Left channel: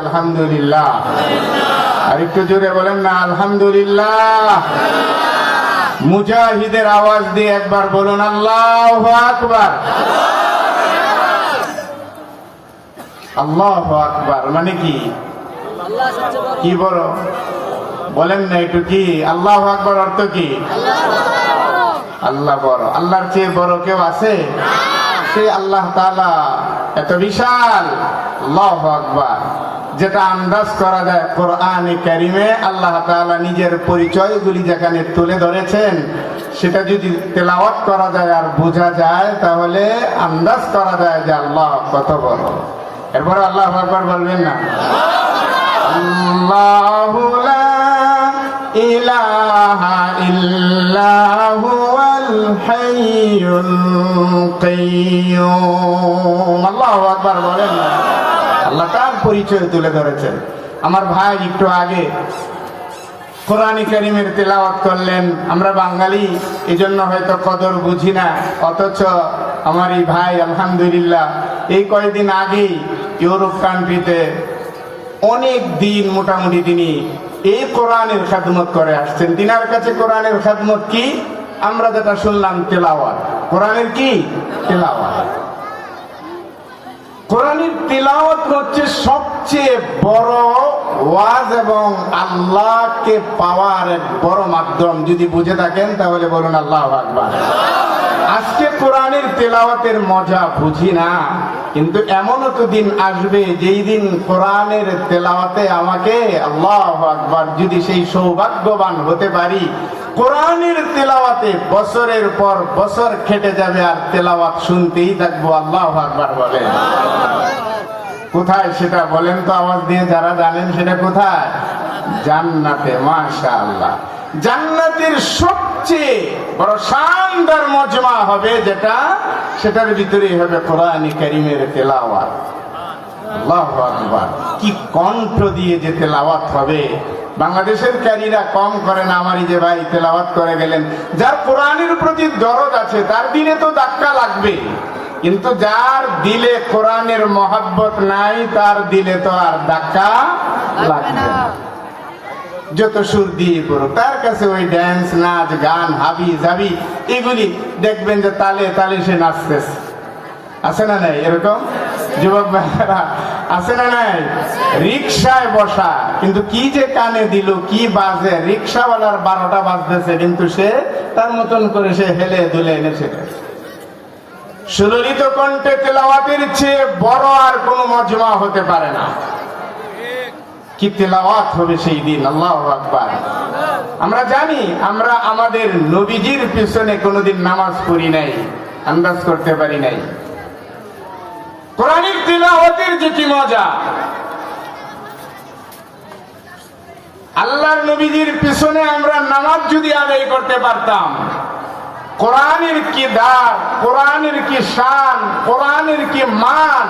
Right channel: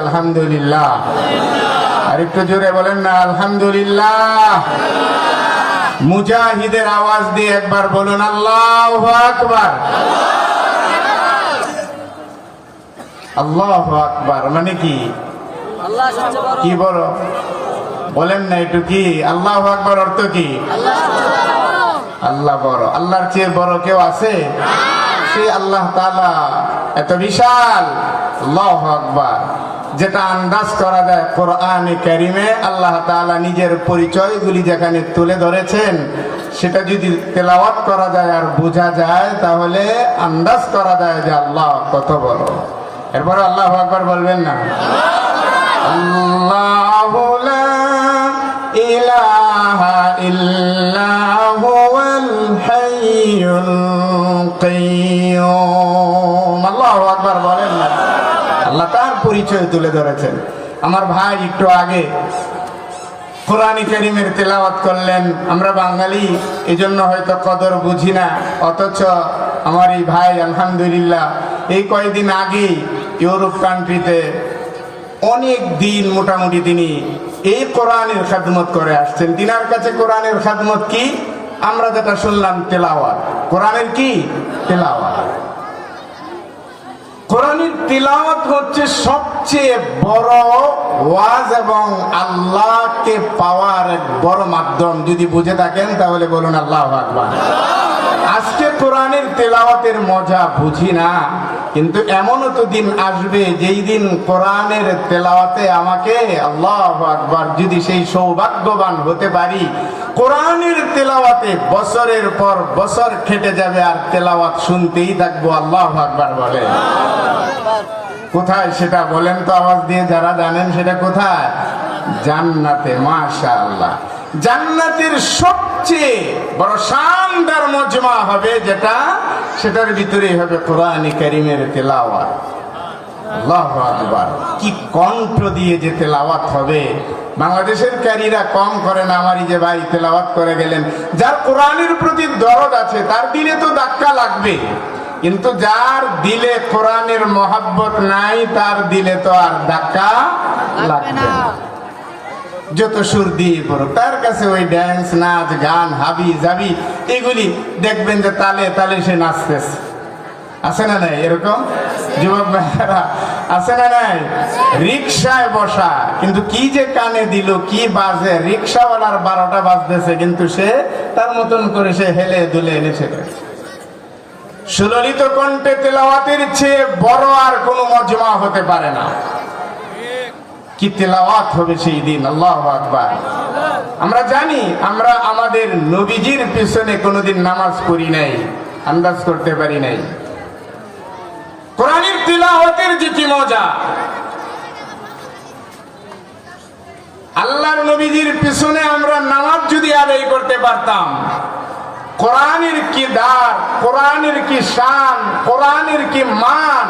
আলহামদুলিল্লাহ। আর একটু জোরে বলেন না আলহামদুলিল্লাহ। মুজাহিদের আওয়াজ দিয়ে একবার বলুন আল্লাহু আকবার। আল্লাহু আকবার মানে কি? কি বলো বলেন না একটু, কি আল্লাহু আকবার অর্থ কি? আল্লাহ বড়। আল্লাহর চেয়ে বড় কেউ আছে? সেই আল্লাহ তাআলা এত বিশাল। আল্লাহু আকবার। যেটা আন্দাজ করা যায় কোরআনে কারিমে আল্লাহ তাআলা নিজের পরিচয়গুলি যেখানে তুলে ধরেছেন, সেটা যদি তেলাওয়াত করা যায় আর বোঝা যায়, তাহলে আন্দাজ করা যায় যে আল্লাহ কত বড়। এরপরে আল্লাহু আকবার বলবেন না? আল্লাহু লা ইলাহা ইল্লা হুয়াল হাইয়ুল কাইয়্যুম। আল্লাহু আকবার বলেন না? আল্লাহ তার পরিচয় তুলে ধরেছেন। আমার ভাই একটু আগে কোরআনে কারিমের তেলাওয়াত করলেন। আমরা বাঙালি, এজন্য হয়তো কদর বুঝি না, অথচ আমার এই ভাই আলহামদুলিল্লাহ এই কয়েকদিন আগেই ইউরোপ কান্ট্রিতে অনেক দিন মোটামুটি তিনি এই কোরআনের খাদমত করে আসছেন। তিনার কাছে কোরআনের খাদমত কি? আমরা যেটা শুনলাম তেলাওয়াত। কোরআনের কি? তেলাওয়াত। কোরআনের তিলাওয়াত হচ্ছে সবচেয়ে বড় ওয়াজ এবং আল্লাহকে পাওয়ার এক বড় মাধ্যম। যদি বুঝে থাকেন তাহলে বলুন আল্লাহু আকবার। আজকে কোরআনের তেলাওয়াতের মজা বুঝি না, কিন্তু এমনও তো দিন আসবে যেই দিন কোরআনের তেলাওয়াতে আমাকে আল্লাহু আকবার, যদি সেই সৌভাগ্যবান হতে পারি, কোরআনের তেলাওয়াতে বছরের পর বছর খেটে যাবে আর তেলাওয়াত শুনতেই থাকবো। আল্লাহু আকবার বলেন। কোথায় সেটা বলেন তো আওয়াজ দিয়ে, যারা জানেন সেটা কোথায়? জান্নাতে। মাশাআল্লাহ। জান্নাতের সবচেয়ে বড় শানদার মজমা হবে যেটা, সেটার ভিতরেই হবে কোরআনে কারিমের তেলাওয়াত। আল্লাহু আকবার। কি কণ্ঠ দিয়ে যে তেলাওয়াত হবে! বাংলাদেশের কারীরা কম করে না। আমারই যে ভাই তেলাওয়াত করে গেলেন, যার কোরআনের প্রতি দরদ আছে তার দিলে তো ধাক্কা লাগবে, কিন্তু যার দিলে কোরআনের মহাব্বত নাই তার দিলে তো আর ধাক্কা লাগবে না। যত সুর দিয়ে পড়ো, তার কাছে ওই ড্যান্স, নাচ, গান, হাবি জাবি এগুলি দেখবেন যে তালে তালে সে নাচতেছে। আছে না নাই এরকম যুবক ভাইরা? আছে না নাই? রিক্সায় বসা, কিন্তু কি যে কানে দিল, কি বাজে! রিক্সাওয়ালার 12টা বাজতেছে, কিন্তু সে তার মতন করে সে হেলে দুলে এনেছে। সুললিত কণ্ঠে তেলাওয়াতের চেয়ে বড় আর কোনো মজমা হতে পারে না। কি তেলাওয়াত হবে সেই দিন! আল্লাহু আকবার। আমরা জানি, আমরা আমাদের নবীজির পিছনে কোনোদিন নামাজ পড়ি নাই, আন্দাজ করতে পারি নাই। কোরআনের তিলাওয়াতের যে কি মজা! আল্লাহর নবীজির পিছনে আমরা নামাজ যদি আদায় করতে পারতাম, কোরআনের কি দার, কোরআনের কি শান, কোরআনের কি মান,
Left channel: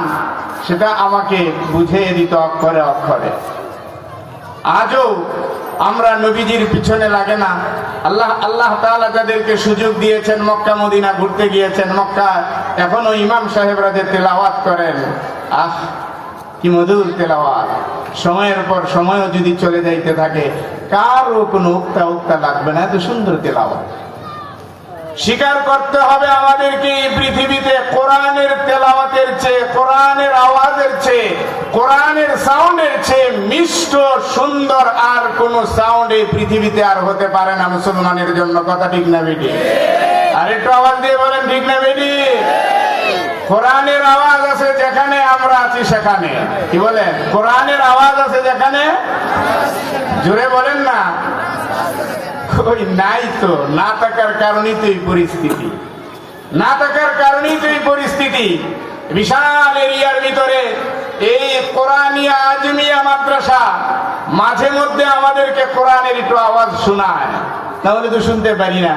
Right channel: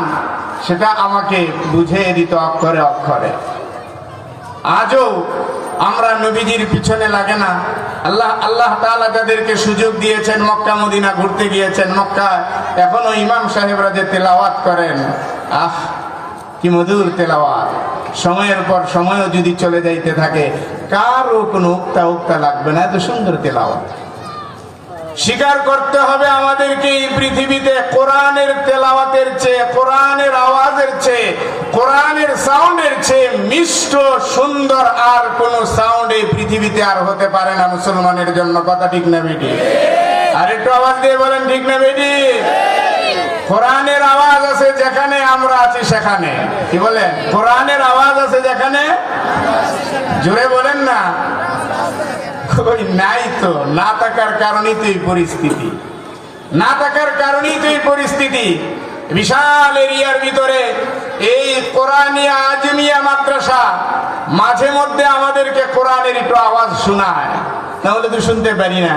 সেটা আমাকে বুঝিয়ে দিত অক্ষরে অক্ষরে। আজও আমরা নবীজির পিছনে লাগে না। আল্লাহ তাআলা যাদেরকে সুযোগ দিয়েছেন, মক্কা মদিনা ঘুরতে গিয়েছেন, মক্কা এখনো ইমাম সাহেবরা যে তেলাওয়াত করেন, আহ কি মধুর তেলাওয়াত! সময়ের পর সময়ও যদি চলে যাইতে থাকে, কারও কোনো উক্তা লাগবে না, এত সুন্দর তেলাওয়াত। স্বীকার করতে হবে আমাদেরকে, এই পৃথিবীতে কোরআনের তেলাওয়াতের চেয়ে, কোরআনের আওয়াজের চেয়ে, কোরআনের সাউন্ডের চেয়ে মিষ্ট সুন্দর আর কোন সাউন্ড এই পৃথিবীতে আর হতে পারে না মুসলমানের জন্য। কথা ঠিক না বেটি? আর একটু আওয়াজ দিয়ে বলেন ঠিক না বেটি? কোরআনের আওয়াজ আছে যেখানে আমরা আছি সেখানে। কি বলেন? কোরআনের আওয়াজ আছে যেখানে, জোরে বলেন না। নাই তো, না থাকার কারণেই তো এই পরিস্থিতি, না থাকার কারণেই তো এই পরিস্থিতি। বিশাল এরিয়ার ভিতরে এই কোরআনিয়া আজমিয়া মাদ্রাসা মাঝে মধ্যে আমাদেরকে কোরআনের একটু আওয়াজ শোনায়, তাহলে তো শুনতে পারি না।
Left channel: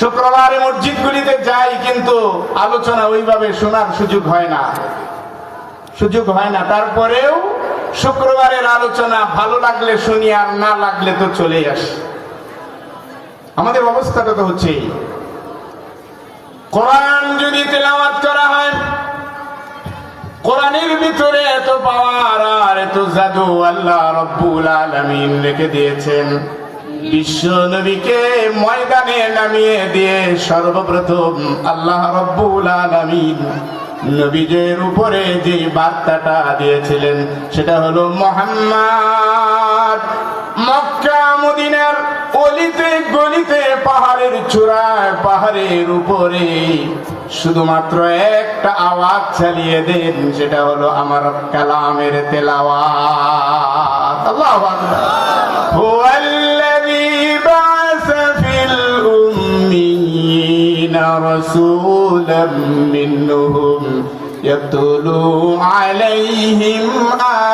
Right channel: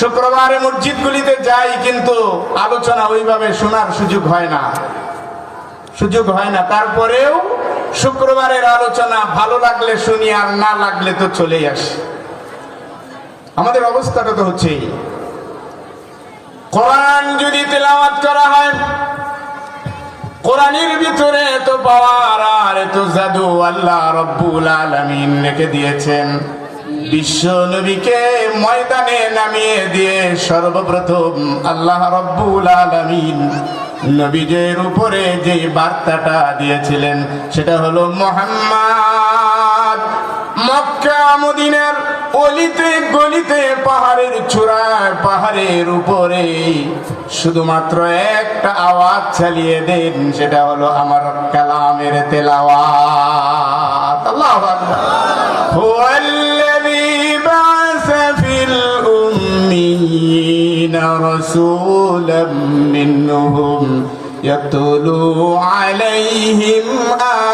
শুক্রবারে মসজিদগুলিতে যাই, কিন্তু আলোচনা ওইভাবে শোনার সুযোগ হয় না, সুযোগ হয় না। তারপরেও শুক্রবারের আলোচনা ভালো লাগলে শুনি, আর না লাগলে তো চলেই আসি। আমাদের অবস্থাটা তো হচ্ছে, কোরআন যদি তেলাওয়াত করা হয়, কোরআনের ভিতরে এত পাওয়ার আর এত জাদু আল্লাহ রব্বুল আলামিন রেখে দিয়েছেন। বিশ্ব নবীকে ময়দানে নামিয়ে দিয়ে সর্বপ্রথম আল্লাহ রব্বুল আলামিন নবীদের উপরে যে বার্তাটা দিয়েছিলেন সেটা হলো মুহাম্মদ। মক্কা মদিনার অলিতে গলিতে পাহাড়ের চূড়ায় পাহাড়ের উপরে শুধুমাত্র একটা আওয়াজ চালিয়ে দেন, সেটা হলো আমার কালামের তেলাওয়াত। আল্লাহু আকবার। হুয়াল্লাযী বা'সা ফিল উম্মিয়িনা রাসূলাম মিনহুম ইয়াতলু আলাইহিম